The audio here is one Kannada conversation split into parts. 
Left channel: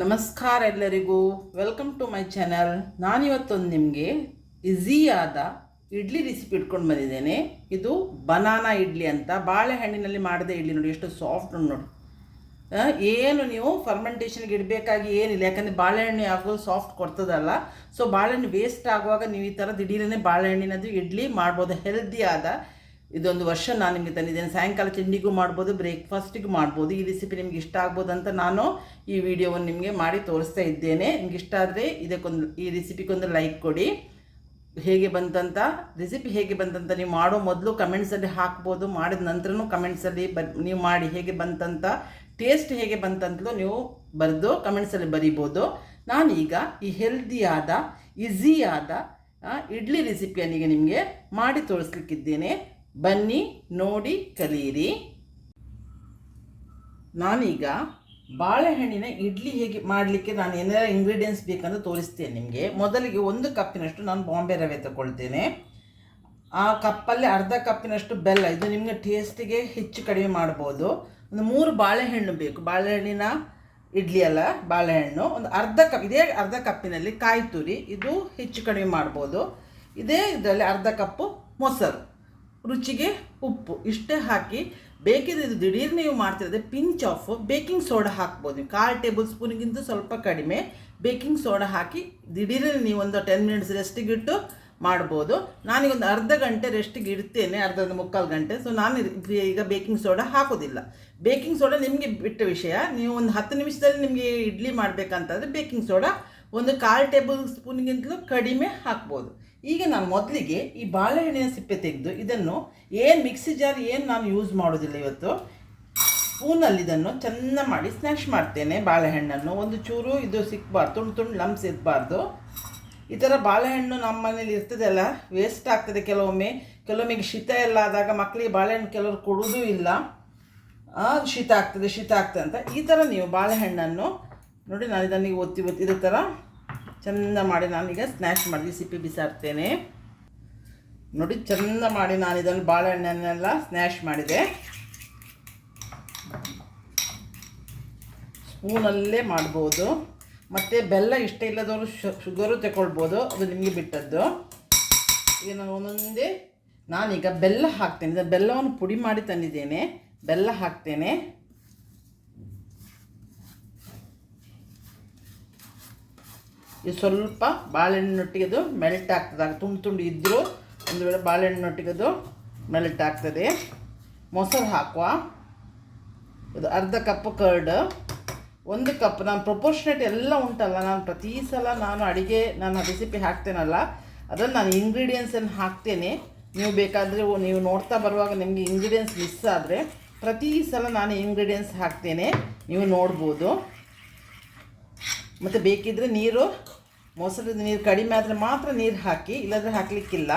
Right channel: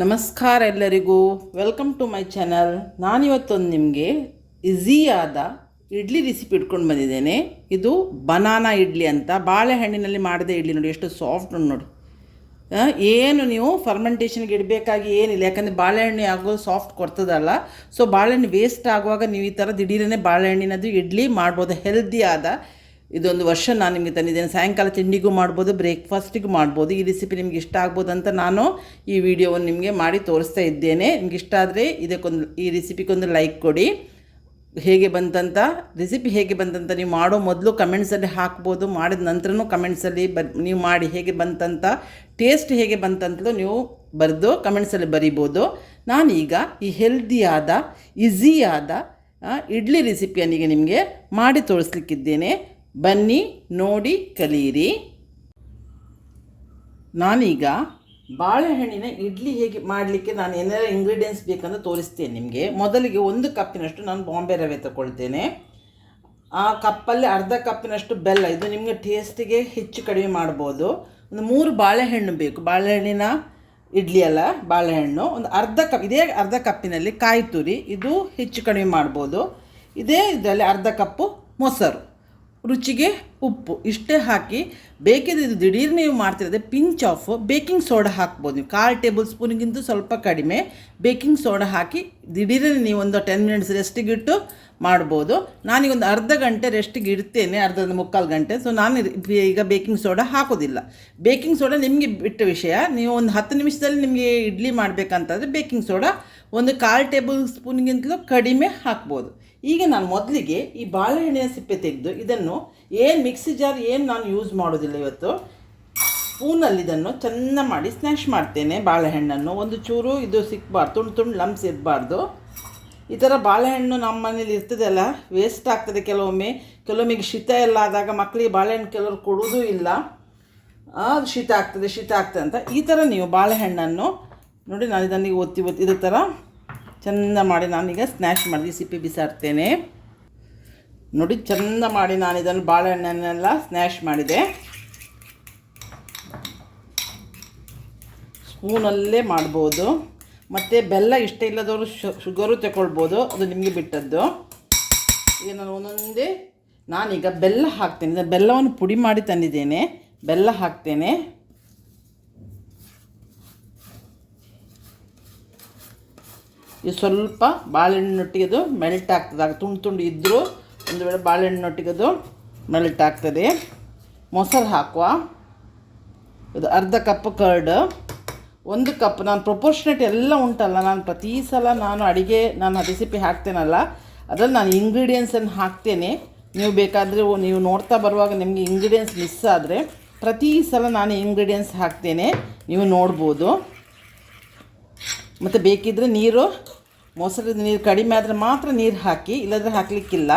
ನಮಸ್ಕಾರ ಎಲ್ಲರಿಗೂ. ವೆಲ್ಕಮ್ ಟು ಮೈ ಚಾನಲ್ ನಾನಿವತ್ತೊಂದು ನಿಮಗೆ ಈಸಿಯಾದ ಇಡ್ಲಿ ರೆಸಿಪಿ ಇಟ್ಕೊಂಡು ಬಂದಿದ್ದೇನೆ. ಇದು ಬನಾನಾ ಇಡ್ಲಿ ಅಂತ. ಬಾಳೆಹಣ್ಣಿನಲ್ಲಿ ಮಾಡಿದ ಇಡ್ಲಿ ನೋಡಿ, ಎಷ್ಟು ಸಾಫ್ಟ್ ನೋಡಿ. ಏನು ನೀವು ಫರ್ಮೆಂಟೇಷನ್ಗೆ ಇಡಬೇಕಾಗಿ ಏನಿಲ್ಲ. ಯಾಕಂದರೆ ಬಾಳೆಹಣ್ಣು ಆಗೋ ಸಾಫ್ಟ್ ಕೊಡ್ತದಲ್ಲ. ಸೊ ಬಾಳೆಹಣ್ಣು ವೇಸ್ಟ್ ಆಗುವಾಗ ನೀವು ಈ ಥರ ದಿಢೀರನೇ ಬಾಳೆಹಣ್ಣಿನದು ಇಡ್ಲಿ ಮಾಡ್ಬೋದು. ಹೆಲ್ದಿ ಆದ ಇದೊಂದು ವರ್ಷ ನಾನು ನಿಮಗೆ ತಂದಿದ್ದೇನೆ. ಸಾಯಂಕಾಲ ತಿಂಡಿಗೂ ಮಾಡ್ಬೋದು, ಬ್ರೇಕ್ಫಾಸ್ಟಿಗೂ ಮಾಡ್ಬೋದು. ಈ ರೆಸಿಪಿ ನಿಮ್ಗೆ ಇಷ್ಟ ಆಗ್ಬೋದು ಅಂತ ನಾನು ಈ ವಿಡಿಯೋವನ್ನು ನಿಮಗೆ ಮಾಡಿ ತೋರಿಸ್ತಾ ಇದ್ದೇನೆ. ನಿಮ್ಗೆ ಇಷ್ಟ ಆದರೆ ಇದಕ್ಕೊಂದು, ಈ ರೆಸಿಪಿಗೊಂದು ಲೈಕ್ ಕೊಡಿ. ಹೇಗೆ ಬಂತಂತ ರೆಸಿಪಿ ಹೇಗೆ ಬಂತಂತ ನೀವು ಮಾಡೋ ಮೊದಲು ಕಮೆಂಟ್ಸಲ್ಲಿ ಹಾಕ್ಬೋದು. ಮಾಡಿದ ನಂತರನೂ ಕಮೆಂಟ್ಸಲ್ಲಿ ಬರ್, ನೀವು ಮಾಡಿ ಹೇಗೆ ಬಂತಂತ ಟೇಸ್ಟ್ ಹೇಗೆ ಬಂತಂತಲೂ ನೀವು ಬರೆದು ಕಮೆಂಟ್ಸಲ್ಲಿ ಬರಿಬೋದು. ನಾನೀಗ ಈ ಹೆಲ್ದಿಯಾದ ಈಸಿಯಾದ ಇಡ್ಲಿ ರೆಸಿಪಿಯನ್ನೀಗ ನಿಮಗೆ ಮಾಡಿ ತೋರಿಸ್ಲಿಕ್ಕಿದ್ದೇನೆ. ಬನ್ನಿ ನೋಡಿ ಕಲಿಯಿರಿ ನಾನೀಗ ಬಾಳೆಹಣ್ಣಿನ ಇಡ್ಲಿ ಹೇಗೆ ಮಾಡಲಿಕ್ಕೆ ನಾನು ಏನಾರ ಇಂಗ್ರೀಡಿಯೆಂಟ್ಸ್ ಬೇಕಂತ ತೋರಿಸ್ತೇನೆ ನಿಮಗೆ. ಮೊದಲಿಗೆ ಒಂದು ಕಪ್ಪಿನಷ್ಟು ನಾನು ಬಾಂಬೆ ರವೆ ತಗೊಳ್ತೇನೆ. ಆ ಕಪ್ಪಲ್ಲಿ ಅರ್ಧ ಕಪ್ಪಿನಷ್ಟು ಬೆಲ್ಲ, ಇದು ನಿಮಗೆ ಟೇಸ್ಟಿಗೆ ಹೆಚ್ಚು ಕಡಿಮೆ ಮಾಡ್ಬೋದು. ಒಂದು ಮೂರು ಬಾಳೆಹಣ್ಣು ಬೇಕು. ಬಾಳೆಹಣ್ಣಿನ ಇಡ್ಲಿ ಅಲ್ಲ, ಬಾಳೆಹಣ್ಣು. ಒಂದು ಅರ್ಧ ಕಪ್, ಇದೇ ಅರ್ಧ ಕಪ್ಪಿನಲ್ಲಿ ಕಾಯಿ ತುರಿ, ಇದು ಹೆಚ್ಚು ಕಡಿಮೆ ಮಾಡ್ಬೋದು. ಇದೇ ಇದರಲ್ಲಿ ಅರ್ಧ ಕಪ್ಪು ಮೊಸರು. ರುಚಿಗೆ ಉಪ್ಪು ಇಷ್ಟೇ ಹಾಕಿ, ಬೇಕಿದ್ರೆ ಇದು ದಿಢೀರ್ ನೀವು ಮಾಡ್ತಿರೋದೆ ಪಿಂಚ್ ಆಫ್ ಬೇಕಿಂಗ್ ಸೋಡಾ ಹಾಕ್ಬೋದು ನೀವು. ಕಾಲು ಟೇಬಲ್ ಸ್ಪೂನಿಗಿಂತ ಸ್ವಲ್ಪ ಕಡಿಮೆ ಬೇಕಿಂಗ್ ಸೋಡಾ ಹಾಕಿ ದಿಢೀರನೇ ನೀವು ಒಂದು ಟೆನ್ ಮಿನಿಟ್ಸ್ ರೆಸ್ಟಿಗಿಟ್ಟು ಮಾಡ್ಬೋದು. ನಾನೀಗೊಂದು ಅರ್ಧ ಗಂಟೆ ರೆಸ್ಟಿಗೆ ಇಡ್ತೇನೆ ಅರ್ಧ ಮುಕ್ಕಾಲು ಗಂಟೆ. ಸೊ ನಾನು ಈಗ ಬೇಕಿಂಗ್ ಸೋಡಾ ಹಾಕೋದಿಲ್ಲ. ಬೇಕಿಂಗ್ ಸೋಡಾ ನಿಮಗೆ ಬಿಟ್ಟ ವಿಷಯ, ನೀವು ಒಂದು ಹತ್ತು ನಿಮಿಷದಲ್ಲಿ ನಿಮಗೆ ಇಡ್ಲಿ ಮಾಡಬೇಕಂತಂದರೆ ಬೇಕಿಂಗ್ ಸೋಡಾ ಒಂದು ಕಾಲು ಟೇಬಲ್ ಸ್ಪೂನ್ಗಿಂತಲೂ ಕಡಿಮೆ ಹಾಕ್ಬೋದು. ಈಗ ನಾನು ಮೊದಲಿಗೆ ಈ ಬಾಳೆಹಣ್ಣಿನ ಸಿಪ್ಪೆ ತೆಗೆದು ಇದನ್ನು ಏನು ಮಿಕ್ಸಿ ಜಾರ್ ಏನು ನಾನು ಯೂಸ್ ಮಾಡೋದಿಲ್ಲ ಇವತ್ತು, ಸ್ಪೂನಲ್ಲಿ ಇದನ್ನು ಚೆಂದ ಮಾಡಿ ಸ್ನ್ಯಾಶ್ ಮಾಡ್ತೇನೆ ಬಾಳೆಹಣ್ಣನ್ನು ಒಂದು ಚೂರು ಇದು ಸಿಕ್ಕಬಾರ್ದು ತುಂಡು ತುಂಡು ಲಂಬ್ಸ್ ಇರಬಾರ್ದು. ಈ ಥರ ಬಾಳೆಹಣ್ಣು ನಮ್ಮ ಮನೇಲಿ ಇರ್ತದಲ್ಲ ವೇಸ್ಟ್ ಆಗ್ತದೆ ಕೆಲವೊಮ್ಮೆ. ಕೆಲವೊಮ್ಮೆ ಶೀತ ಎಲ್ಲ ಆದಾಗ ಮಕ್ಕಳಿಗೆ ಬಾಳೆಹಣ್ಣು ಕೆಲವರು ಕೊಡೋದು ಇಲ್ಲ. ಅದು ಶೀತ ಆಗ್ತದೆ ಶೀತ ಆಗ್ತದೆ ಅಂತ ಈ ಥರ ನೀವು ಬಾಳೆಹಣ್ಣನ್ನು ನೋಡಿ ನಾನು ಇದನ್ನಿಗೆ ಒತ್ತಿ ಒತ್ತಿ, ಇದೇ ಥರ ಚೆಂದ ಮಾಡಿ ನಾನೀಗ ಸ್ನ್ಯಾಶ್ ಮಾಡಿ ಸಿಪ್ಪೆ ಬಿಸಾಡ್ತೇನೆ ನೋಡಿ, ಚೆಂದ ಮಾಡಿ ನಾನು ಇದನ್ನು ಬಾಳೆಹಣ್ಣನ್ನೆಲ್ಲ ಸ್ನ್ಯಾಶ್ ಮಾಡಿದೆ. ಸ್ಪೂನಲ್ಲೇ ಮಾಡ್ಬೋದು. ಮತ್ತು ಬೆಲ್ಲ ಇಷ್ಟ ಇಲ್ಲದವರು ಶುಗರು ತಗೊಳ್ಬೋದು. ಅದು ನಿಮಗೆ ಬಿಟ್ಟದ್ದು. ಈಗ ನಾನು ಒಂದೊಂದೇ, ನಾನೀಗ ಬೆಲ್ಲ ಹಾಕ್ತೇನೆ. ಬೆಲ್ಲವನ್ನು ಪುಡಿ ಮಾಡಿ ತಂದಿದ್ದೇನೆ. ಬೆಲ್ಲ ಹಾಕ್ತೇನೆ. ಇದು ಸ್ವಲ್ಪ ಬಾಳೆಹಣ್ಣೊಟ್ಟಿಗೆ ಅದು ಮೆಲ್ಟ್ ಆಗ್ತದೆ. ಆಗ ತುಂಡು ತುಂಡು ಇದ್ದರೂ ಒಂದು ವೇಳೆ ಬಾಳೆಹಣ್ಣೊಟ್ಟಿಗೆ ಅದು ಮೆಲ್ಟ್ ಆಗ್ತದೆ. ಮೊಸರು ಹಾಕುವ. ಇದು ಅರ್ಧ ಕಪ್ ಕರ್ಡ್ ಒಂದು ಕಪ್. ನಾನು ಪ್ರೊಪೋರ್ಷನೇಟ್ ಎಲ್ಲ ಉಂಟಲ್ಲ, ನಾನು ಪ್ರತಿ ಸಲ ನಾನು ಅಡುಗೆ, ನಾನು ರೆಸಿಪಿ ಹಾಕ್ತೇನಲ್ಲ, ಅದರಲ್ಲಿ ನಾನು ಇಂಗ್ರೀಡಿಯೆಂಟ್ಸನ್ನು ಹಾಕ್ತೇನೆ. ನೀವು ಬೇಕಾದರೆ ನೀವು ನೋಡ್ತಾ ಬರುವಾಗ ನಿಮಗೆ ಇಂಗ್ರೀಡಿಯೆಂಟ್ಸ್ ಮಿಸ್ ಆದರೆ ಪ್ರತಿ ಸಲ ನಾನು ಇಂಗ್ರೀಡಿಯೆಂಟ್ಸ್ ಹಾಕ್ತೇನೆ. ನೀವು ನೋಡ್ಬೋದು. ಮತ್ತು ಬೇಕಿದ್ದರೆ ನೀರು ಮೊಸರು ನೀರು ಕಡಿಮೆ ಆದರೆ ಮಾತ್ರ ನೀರು ಹಾಕಿ, ಇಲ್ಲದ್ರೆ ಹಾಕಲಿಕ್ಕಿಲ್ಲ.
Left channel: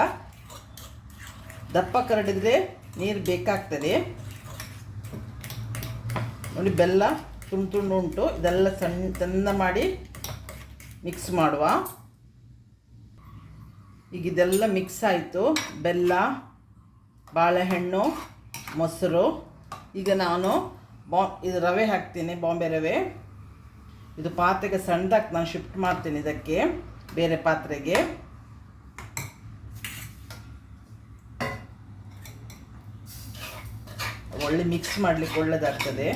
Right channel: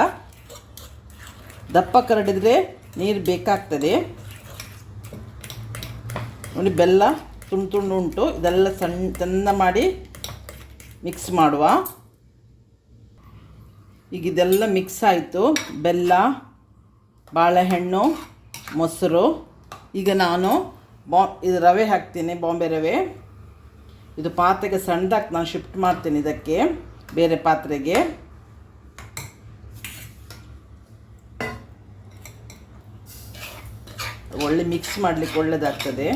ದಪ್ಪ ಕರಡಿದರೆ ನೀರು ಬೇಕಾಗ್ತದೆ. ನೋಡಿ, ಬೆಲ್ಲ ತುಂಡು ತುಂಡು ಉಂಟು. ಇದೆಲ್ಲ ಸಣ್ಣ ಚೆಂದ ಮಾಡಿ ಮಿಕ್ಸ್ ಮಾಡುವ. ಈಗ ಇದೆಲ್ಲ ಮಿಕ್ಸ್ ಆಯಿತು. ಬೆಲ್ಲ, ಬಾಳೆಹಣ್ಣು, ಮೊಸರು. ಈಗ ನಾನು ಬಾ, ಇದು ರವೆ ಹಾಕ್ತೀನಿ, ಬಾಂಬೆ ರವೆ. ಇದು ಪಾತ್ರೆಗೆ ಸಣ್ಣದಾಗಿ ನಾನು ಶಿಫ್ಟ್ ಮಾಡ್ತೀನಿ ಇದಕ್ಕೆ, ಬೇರೆ ಪಾತ್ರೆಗೆ. ಒಳ್ಳೆ ಮಿಕ್ಸ್ ಮಾಡಲಿಕ್ಕೆ ಒಳ್ಳೆಯದಾಗ್ತದೆ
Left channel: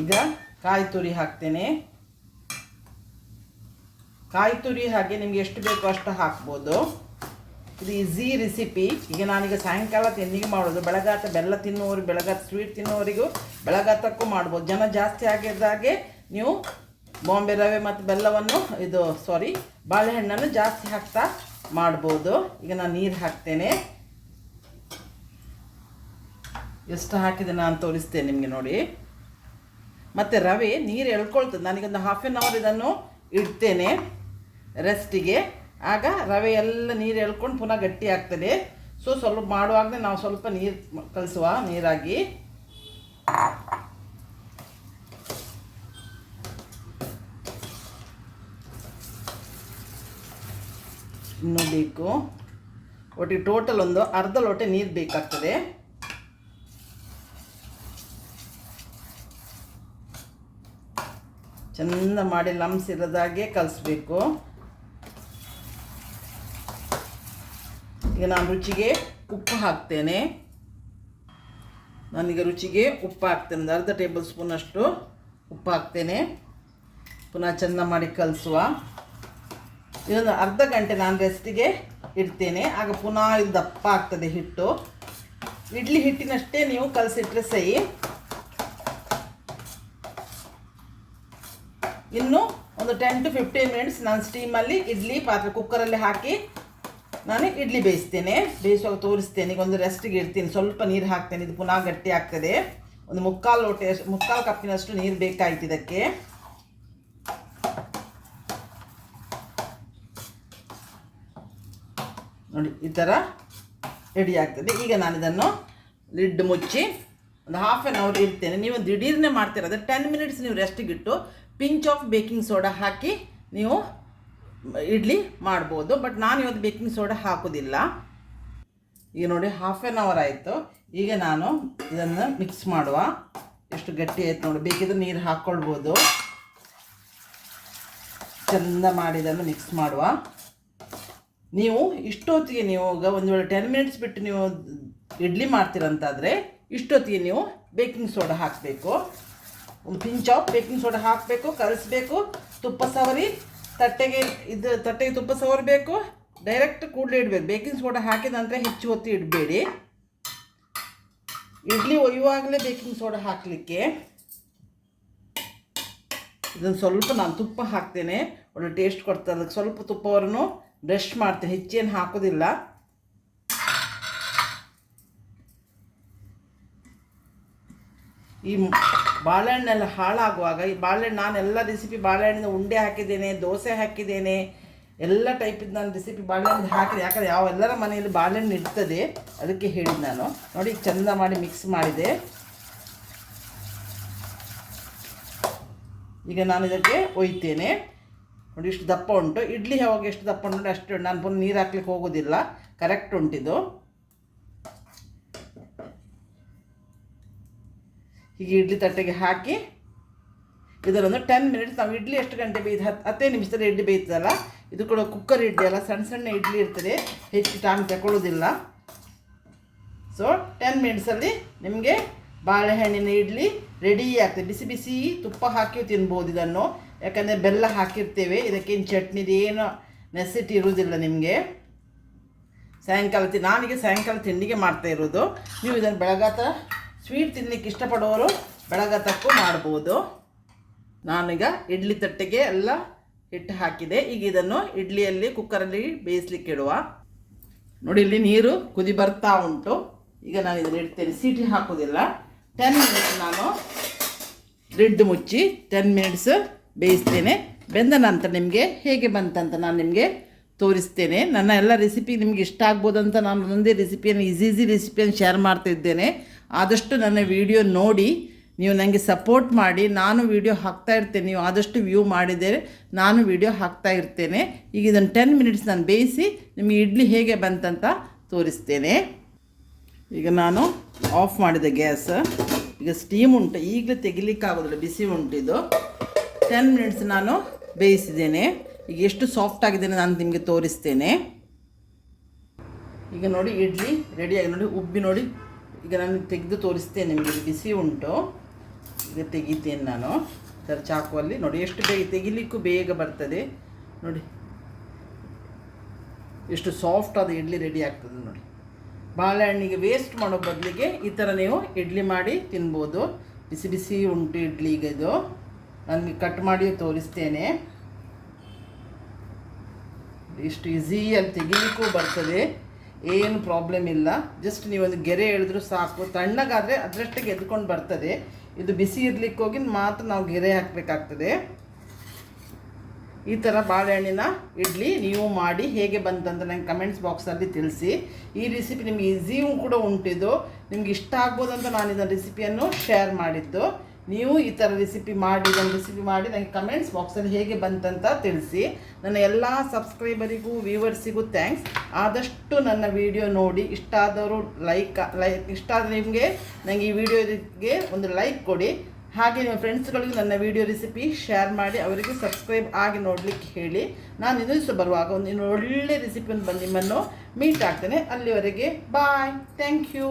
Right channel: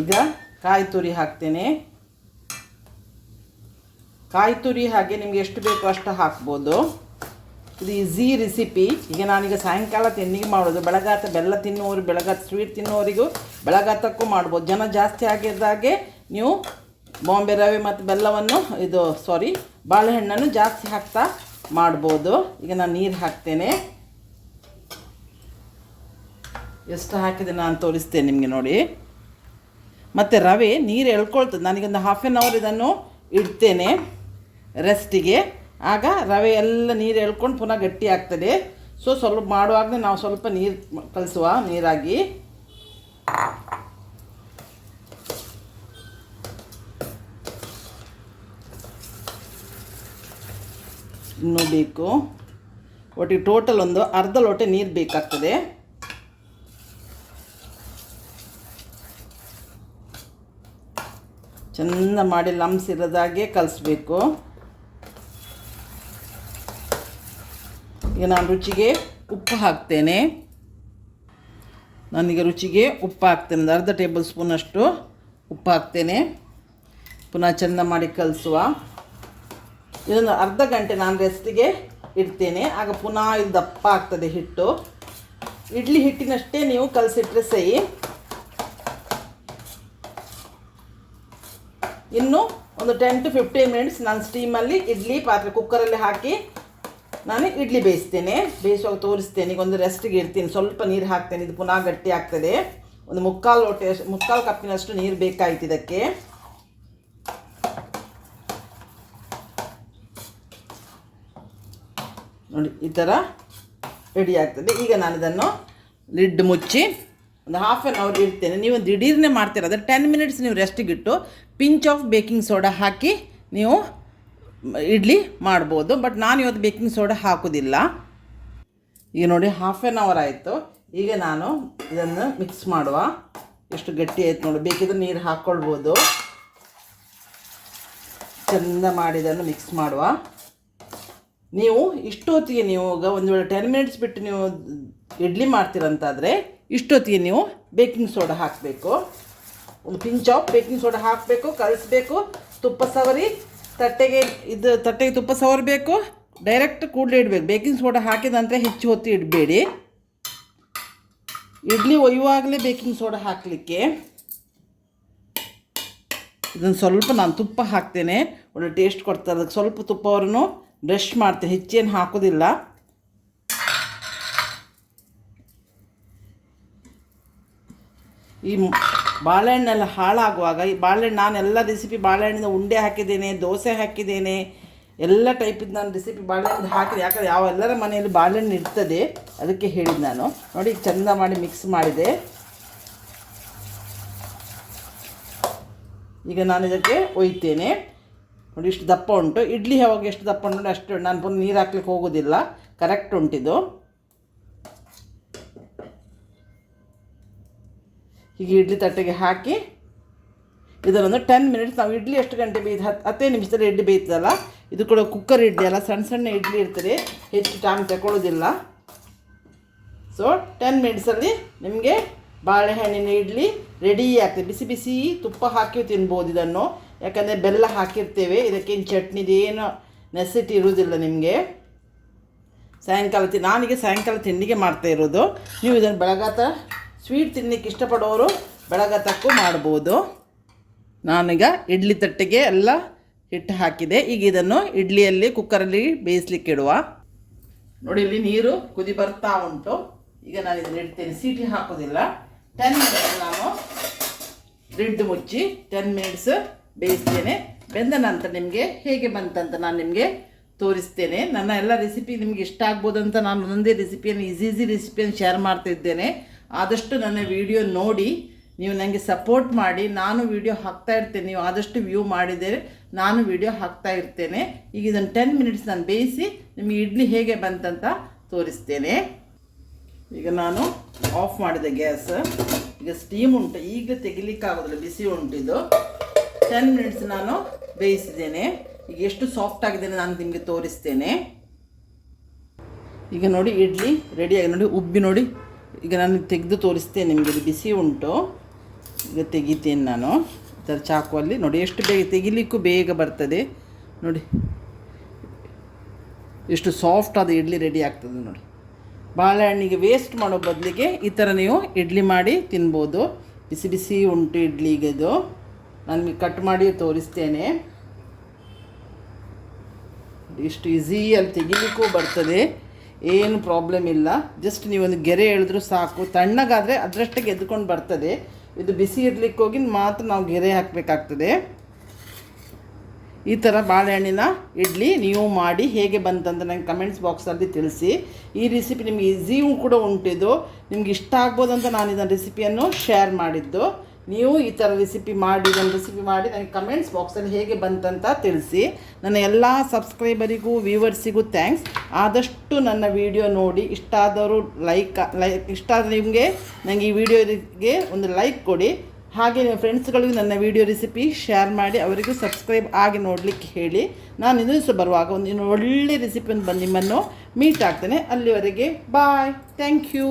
ಈಗ ಕಾಯಿ ತುರಿ ಹಾಕ್ತೇನೆ. ಕಾಯಿ ತುರಿ ಹಾಗೆ ನಿಮಗೆ ಎಷ್ಟು ಬೇಕೋ ಅಷ್ಟು ಹಾಕ್ಬೋದು. ಇದು ಈಸಿ ರೆಸಿಪಿ ಈಗ ನಾನೀಗ ಸಾಯಂಕಾಲ ತಿನ್ನಿಗೆ ಮಾಡೋದು. ಬೆಳಗಾತ ಬೆಲ್ಲ ತಿನ್ನೋರು, ಬೆಳಗಾತ ಸ್ವೀಟ್ ತಿನ್ನೋರಿಗೂ ಬೆಳಗಾತಕ್ಕೂ ಮಾಡ್ಬೋದು. ಜನ ಜಾಸ್ತಿ ಆಗಿದ್ದಾಗೆ ನೀವು ಬಾಂಬೆ ರವೆ ಮತ್ತು ಬೆಲ್ಲವನ್ನು ಇದು ಸಾರಿ ಬಾಳೆಹಣ್ಣನ್ನು ಜಾಸ್ತಿ ಹಾಕ್ತಾ ಮಾಡ್ಬೋದು. ಈಗ ನಾನು ನೀರು ಹಾಕ್ತೇನೆ. ಎಷ್ಟು ಹಾಕಿದೆ ನಾನು ತೋರಿಸ್ತೇನೆ ನಿಮಗೆ ನೋಡಿ. ಮತ್ತು ರವೆ ನೀರು ಎಳ್ಕೊಳ್ತದೆ. ನನಗೊಂದು ಹಾಫ್ ಆನ್ ಅವರ್ ಇದನ್ನು ಇಡ್ತೇನೆ. ರೆಸ್ಟಿಗೆ ಆಗ ರವೆ ಎಲ್ಲ ನೀರು ಎಳ್ಕೊಂಡು ಪುನಃ ಗಟ್ಟಿ ಆಗ್ತದೆ. ಸೊ ಸ್ವಲ್ಪ ಮಾಡುವಾಗಲೇ ನಾವು ಸ್ವಲ್ಪ ನೀರು ಕಲಿಸುವ, ನೀರಾಗಿ. ಇನ್ನೂ ಬೇಕು. ಒಟ್ಟಿಗೆ ಟೋಟಲ್ ಒಂದು ಅರ್ಧ ಲೋಟ ನೀರು ಬೇಕಾಗ್ತದೆ. ಚೆಂದ ಮಾಡಿ ಲಮ್ಸ್ ಇರೋದಾಗೆ ಕಲಿಸ್ಬೇಕು. ಈಗ ನಾನು ರುಚಿಗೆ ಉಪ್ಪು ಹಾಕ್ತೇನೆ. ನಾನೀಗ ರುಚಿಗೆ ಉಪ್ಪು ಹಾಕ್ತೇನೆ. ಒಂದು ಅರ್ಧ ಟೇಬಲ್ ಸ್ಪೂನಷ್ಟು ಉಪ್ಪು ಹಾಕ್ತೇನೆ. ಪುನಃ ಚೆಂದ ಮಾಡಿ ಕಲಿಸುವ. ಇದನ್ನು ಅರ್ಧ ಗಂಟೆ ನಾನು ರೆಸ್ಟಿಗೆ ಇಡ್ತೇನೆ. ಆಗ ಪುನಃ ಇದು ದಪ್ಪ ಆಗ್ತದೆ ಹಿಟ್ಟು. ಇಡ್ಲಿ ಹಿಟ್ಟಿನಷ್ಟೇ ನೀವು ಕಲಸಿಟ್ರೆ ಸಹಿ. ಇನ್ನು ಒಂದು ಟೆನ್ ಟು ಫಿಫ್ಟೀನ್ ಮಿನಿಟ್ಸ್ ನಾನು ಸ್ಟೀಮಲ್ಲಿ ಇಡ್ಲಿ ಪಾತ್ರೆ ಕುಕ್ಕರಲ್ಲಿ ಹಾಕಿ ನಾನು ಇಡ್ಲಿ ಬೇಯಿಸ್ತೇನೆ. ಬೇಯಿಸುವಾಗ ತೋರಿಸ್ತೇನೆ. ಈಗ ಒಂದು ರೆಸ್ಟಿಗೆ ಇಡ್ತೀನಿ. ಸ್ವಲ್ಪ ನೀರು ಹಾಕ್ತೇನೆ. ಇದು ಪುನಃ ಗಟ್ಟಿ ಆಗ್ತದೆ. ಒಂದು ಮುಕ್ಕಾಲು ಲೋಟೆ ಮುಕ್ಕಾಲು ಕಪ್ಪಿನಷ್ಟು ನೀರು ಬೇಕಾಯ್ತು ಇದಕ್ಕೆ. ನೋಡಿ, ಈ ಥರ ರೆಡಿ ಆಗ್ತದೆ. ಈಗ ನಾನು ಇದನ್ನು ಲಿಡ್ ಮುಚ್ಚಿ ಒಂದು ಹಾಫ್ ಆನ್ ಅವರ್ ಇಡ್ತೇನೆ. ನೀವು ದಿಢೀರ್ನೇ ಮಾಡ್ತೀರ. ಟೆನ್ ಮಿನಿಟ್ಸ್ ನೀವು ರೆಸ್ಟಿಗಿಟ್ಟು ಪಿಂಚ್ ಆಫ್ ಬೇಕಿಂಗ್ ಸೋಡಾ ಹಾಕಿ ನೀವು ಇಡ್ಲಿ ಮಾಡ್ಬೋದು ಬಟ್ ನಾನು ಇವತ್ತು ಬೇಕಿಂಗ್ ಸೋಡಾ ಹಾಕೋದಿಲ್ಲ. ಈಗ ನೋಡಿ ಹಾಫ್ ಆನ್ ಅವರ್ ಆಯಿತು. ಈಗ ನಾನು ಇದನ್ನು ಮಿಕ್ಸ್ ಮಾಡುವ. ಎಷ್ಟು ಗಟ್ಟಿ ಆಯ್ತು ನೋಡಿ. ಬೇಕಿದ್ರೆ ನೀರು ಹಾಕ್ಕೊಳ್ಬೋದು ಚೆಂದ ಮಾಡಿದನ್ನು ಮಿಕ್ಸ್ ಮಾಡುವ. ನೀವು ಇಷ್ಟೊತ್ತಿಗೆ ನೀವು ಒಂದು ವೇಳೆ ಟೆನ್ ಮಿನಿಟ್ಸ್ ಬಿಟ್ಟು ನೀವು ಇಡ್ಲಿ ಮಾಡ್ತೀರಂತಾದರೆ ಇಷ್ಟೊತ್ತಿಗೆ ನೀವು ಬೇಕಿಂಗ್ ಸೋಡಾ ಹಾಕಬೇಕು. ಒಂದು ಪಿಂಚ್ ಆಫ್ ಬೇಕಿಂಗ್ ಸೋಡಾ ಹಾಕಬೇಕು, ಕಲಿಸ್ಬೇಕು, ತುಪ್ಪ ಸವರಿ ತಟ್ಟೆಗೆ ಇದು ತಟ್ಟೆಗೆ ತುಪ್ಪ ಸವರಬೇಕು. ಡೈರೆಕ್ಟ್ ಕೂಡಲೇ ಇಡಬೇಕು. ಬೇಕಿಂಗ್ ಸೋಡಾ ಹಾಕಿದ ನಂತರ ಹೆಚ್ಚು ಹೊತ್ತು ಇಡಬೇಡಿ. ಇಡ್ಲಿ ಒಯ್ಯುವಾಗಲೇ ಬೇಕಿಂಗ್ ಸೋಡಾ ಹಾಕಲಿಕ್ಕೆ. ಇದನ್ನು ಸ್ವಲ್ಪ ನಾನು ತುಪ್ಪ ಹಾಕ್ತೇನೆ. ಒಳ್ಳೆ ಟೇಸ್ಟ್ ಕೊಡ್ತಾರೆ ಅದಕ್ಕೆ ಸ್ವಲ್ಪ ತುಪ್ಪವನ್ನು ಬ್ರಷ್ ಮಾಡ್ತೇನೆ ಹೆಚ್ಚೇನು ಹಾಕೋದಿಲ್ಲ. ಈ ಬಾಳೆಹಣ್ಣೆಲ್ಲ ಹಾಳಾಗುವಾಗ ಈ ಬಾಳೆಹಣ್ಣು ನಾನು ಎಲ್ಲ ರೆಸಿಪಿ ಬಾಳೆಹಣ್ಣಿನ ಉಂಡೆ ಹಾಕಿದ್ದೇನೆ, ದೋಸೆ ಹಾಕಿದ್ದೇನೆ, ಎಲ್ಲ ಟೈಪಿದ್ದು ನಾನು ರೆಸಿಪಿ ಬಾಳೆಹಣ್ಣು ಹಾಕಿದೆ. ಯಾಕಂದರೆ ಯಾವ ಎಲ್ಲರ ಮನೆಯಲ್ಲಿ ಬಾಳೆಹಣ್ಣು ಇರ್ತದೆ, ಅದಕ್ಕೆ ಹೇಳಿದ್ದು ನಾನು. ನೋಡಿ, ಚೆಂದ ಮಾಡಿ ಮಿಕ್ಸ್ ಮಾಡಿದೆ. ಈಗ ನಾನು ಇದಕ್ಕೆ ಒಯ್ತೇನೆ. ನೋಡಿ, ಇಷ್ಟು ದಪ್ಪ ಉಂಟು. ಇಡ್ಲಿ ಯಾವಾಗ ಎಷ್ಟು ದಪ್ಪ ಉಂಟು ಅಷ್ಟು ನಾನು ಪುನಃ ನೀರು ಹಾಕ್ಲಿಕ್ಕೆ ಹೋಗೋದಿಲ್ಲ. ಕರೆಕ್ಟ್ ಉಂಟಿದು. ಹೀಗೆ ಇಡ್ಲಿ ತಟ್ಟೆಗೆ ಹಾಕಿ ಇದರೊಂದು ಟೆನ್ ಮಿನಿಟ್ಸ್ ನಾವು ಇಡ್ಲಿ ಎಷ್ಟು ಗಂಟೆ ಬೇಯ್ದು ಹತ್ತು ಹತ್ತೇ ನಿಮಿಷದಲ್ಲಿ ಇಡ್ಲಿ ಬೇಯ್ತದಲ್ಲ? ಇದು ಕೂಡ ಕುಕ್ಕರ್ ಇಡ್ಲಿ ಅಲ್ಲ, ಸಣ್ಣ ಸಣ್ಣ ಇಡ್ಲಿ ಇರ್ತದೆ. ಹೆಚ್ಚು ಟೈಮ್ ತಗೊಳ್ಳೋದಿಲ್ಲ ಸೊ ಟೆನ್ ಮಿನಿಟ್ಸಲ್ಲಿ ನಿಮಗೆ ಬಾಳೆಹಣ್ಣಿನ ಇಡ್ಲಿ ರೆಡಿ ಆಗ್ತದೆ. ಬಿಸಿ ಬಿಸಿ ತುಪ್ಪ ಹಾಕಿ ತಿನ್ಬೋದು ಇದನ್ನು. ಯಾಕಂದರೆ ಬೆಲ್ಲ ಹಾಕಿರ್ತೇವೆ. ಇದಕ್ಕೇನು ಚಟ್ನಿದು ಏನು ನೆಸಿಟಿ ಇರುವುದಿಲ್ಲ ನಿಮಗೆ. ಸಾಯಂಕಾಲ ತಿ ನಾನೀಗ ಸಾಯಂಕಾಲ ತಿಂಡಿಗೆ ಮಾಡ್ತಾ ಇರೋದು. ನೀವು ಇದನ್ನು ಬೆಳಗಾತ ಸ್ವೀಟ್ ತಿನ್ನಲಿಕ್ಕೆ ಇಷ್ಟಪಡೋರು ತಕ್ಕು ಮಾಡ್ಬೋದು. ನಾನೀಗ ಇಡ್ಲಿ ತಟ್ಟೆಗೆ ಎಲ್ಲ ಹಿಟ್ಟು ಹಾಕಿದೆ. ಈಗ ಇದನ್ನು ಇಡ್ಲಿಯಲ್ಲಿ ಕುಕ್ಕರಲ್ಲಿ ಬೇಯಿಸ್ಲಿಕ್ಕೆ ಇಡುವ. ನೋಡಿ, ಇಲ್ಲಿ ನೀರು ಕುದಿ ಬರ್ತಾ ಉಂಟು. ಈಗ ನಾನು ಇದನ್ನು ಇಡ್ತೇನೆ. ಸೀಟಿ ಹಾಕೋದಿಲ್ಲ ಟೆನ್ ಮಿನಿಟ್ಸ್ ನಾನು ಲಿಡ್ ಮುಚ್ಚಿ ಟೆನ್ ಮಿನಿಟ್ಸ್ ಬೇಯಿಸ್ತೇನೆ. ಬೆಂದ ನಂತರ ನಿಮಗೆ ಹೇಗೆ ಬಂತಂತ ನಾನು ನಿಮಗೆ ತೋರಿಸ್ತೇನೆ. ನನ್ನ ಎಲ್ಲ ರೆಸಿಪಿ ನಿಮಗೆ ಇಷ್ಟ ಆಗ್ಬೋದಂತ ನಾನು ಒಂದೊಂದೇ ರೆಸಿಪಿಯನ್ನು ಈಸಿ ಈಸಿ ರೆಸಿಪಿಯನ್ನು ಶೇರ್ ಮಾಡ್ತಾ ಇದ್ದೇನೆ. ಆದಷ್ಟು ನನ್ನ ವಿಡಿಯೋ ನೋಡಿ, ನೀವು ನನಗೆ ಸಪೋರ್ಟ್ ಮಾಡಿ. ನಾನು ವಿಡಿಯೋ ಹಾಕ್ತಾ ಇರ್ತೇನೆ. ನೀವು ಆದಷ್ಟು ವ್ಯೂ ಮಾಡಿದರೆ ನಾನು ವಿಡಿಯೋ ಹಾಕ್ತಾ ಇರ್ತೇನೆ. ಈಗ ಇದನ್ನು ಟೆನ್ ಮಿನಿಟ್ಸ್ ನಾನು ಬೇಯಿಸಿ ನಿಮಗೆ ಇಡ್ಲಿ ಹೇಗೆ ಬಂತಂತ ತೋರಿಸ್ತೇನೆ. ಈಗ ನಾನು ಆಫ್ ಮಾಡಿದೆ ಗ್ಯಾಸ್. ಈಗ ಸ್ಟೀಮ್ ಉಂಟು. ಈಗಲೇ ತೆಗಿಲಿಕ್ಕಾಗೋದಿಲ್ಲ ಬಿಸಿ ಉಂಟಿದ್ದು ಟೆನ್ ಮಿನಿಟ್ಸ್ ನಾನು ಬೇಯಿಸಿದ್ದೇನೆ. ಈಗ ಎಷ್ಟು ಸಾಫ್ಟ್ ಆಗಿದೆ ನಾನು ನಿಮಗೆ ತೋರಿಸ್ತೇನೆ. ಈಗ ನೋಡಿ, ಇಡ್ಲಿ ರೆಡಿಯಾಗಿ ನೋಡಿ, ಉಬ್ಬಿ ನೋಡಿ. ಈಗ ನಾನು ತೆಗೆದು ತೋರಿಸ್ತೇನೆ, ನಿಮಗೆ ಇದು ಬಿಸಿ ಉಂಟು. ಈಗ ತೆಗಿತೇನೆ ನಾನು. ಥರ ಚಾಕುವಲ್ಲಿ ನೋಡಿ, ಎಷ್ಟು ಬೇಗ ತೆಗಿಲಿಕ್ಕೂ ಬೇಗ ಬರ್ತದೆ. ನೋಡಿ, ಎಷ್ಟು ಸಾಫ್ಟ್ ಆದ ಇಡ್ಲಿ ರೆಡಿ ಆಗ್ತದೆ ನೋಡಿ. ಬಾಳೆಹಣ್ಣಿಗೆ ವೇಸ್ಟ್ ಮಾಡೋ ಬದಲಿಗೆ ಈ ಥರ ನೀವು ಇಡ್ಲಿ ಮಾಡಿ ತಿನ್ಬೋದು. ಬಿಸಿ ಬಿಸಿ ಉಂಟು ಇಡ್ಲಿಗೆ ಇದು. ನನಗೆ ಕಟ್ ಮಾಡಿ ತೋರಿಸ್ತೇನೆ. ಇಷ್ಟು ಈಸಿಯಲ್ಲಿ ತೆಗಿಲಿಕ್ಕೂ ಬರ್ತದೆ. ಏನು ಪ್ರಾಬ್ಲಮ್ ಇಲ್ಲ. ಜಸ್ಟ್ ನೀವೊಂದು ಗೆರೆ ಎಳೆದ್ರು ಸಾಕು. ತಣ್ಣಗಾದರೆ ಅದರಷ್ಟಕ್ಕೆ ಎದ್ಕೊಂಡು ಬರ್ತದೆ. ಇದು ಬಿಸಿ ಇರ್ಲಿಕ್ಕೆ ಹೋಗಿ ಮಾತ್ರ ನಾವು ಗೆರೆ ಹಾಕಬೇಕಾಗ್ತದೆ. ಈ ಥರ ಬಾಳೆಹಣ್ಣಿನ ಇಡ್ಲಿ ನೀವು ಮಾಡಿ ಹೇಗೆ ಬಂತಂತ ನಂಗೆ ಕಮೆಂಟ್ಸ್ ಬಾಕ್ಸಲ್ಲಿ ತಿಳಿಸಿ. ಈ ರೆಸಿಪಿ ನಿಮಗೆ ಈಸಿಯೂ ಕೂಡ ಉಂಟಿದ್ದು. ನಿಮ್ಗೆ ಇಷ್ಟ ಆಗ್ಬೋದು ಅಂತ ನಾನು ಇದನ್ನು ರೆಸಿಪಿಯನ್ನು ಶೇರ್ ಮಾಡಿದ್ದು. ನೀವು ಈ ಥರ ರೆಸಿಪಿ ಮಾಡಿ ನನ್ನ ರೆಸಿಪಿ ಮಾಡಿ ನನಗೆ ಕಮೆಂಟ್ಸ್ ಬಾಕ್ಸಲ್ಲಿ ಹೇಗೆ ಬಂತಂತ ತಿಳಿಸಿ. ನನ್ನ ಎಲ್ಲ ಸಬ್ಸ್ಕ್ರೈಬರಿಗೂ ವ್ಯೂವರ್ಸಿಗೂ ಥ್ಯಾಂಕ್ಸ್ ಆದಷ್ಟು ನನ್ನ ವಿಡಿಯೋ ನೋಡಿ, ಇಷ್ಟ ಆದವರು ಲೈಕ್ ಲೈಕ್ ಇಷ್ಟ ಆದರೆ ನಿಮಗೆ ನನಗೆ ಈ ವಿಡಿಯೋಗೆ ಒಂದು ಲೈಕ್ ಕೊಡಿ. ಹಾಗೆ ನಿಮ್ಮ ಫ್ರೆಂಡ್ಸ್ಗಳಿಗೂ ನನ್ನ ವಿಡಿಯೋ ರೆಸಿಪಿ ಶೇರ್ ಮಾಡಿ, ಅವರಿಗೂ ಸಬ್ಸ್ಕ್ರೈಬ್ ಆಗಿ ನೋಡಲಿಕ್ಕೆ ಹೇಳಿ. ನಾನು ಇನ್ನೂ ದಿವಸ ಬರುವಾಗ ಒಂದು ಇನ್ನೊಳ್ಳೆ ಒಳ್ಳೆ ರೆಸಿಪಿ ಬಂದು ನಿಮ್ಮನ್ನು ಮೀಟ್ ಆಗ್ತೇನೆ. ಅಲ್ಲಿವರೆಗೆ ಬಾಯ್ ಥ್ಯಾಂಕ್ ಯು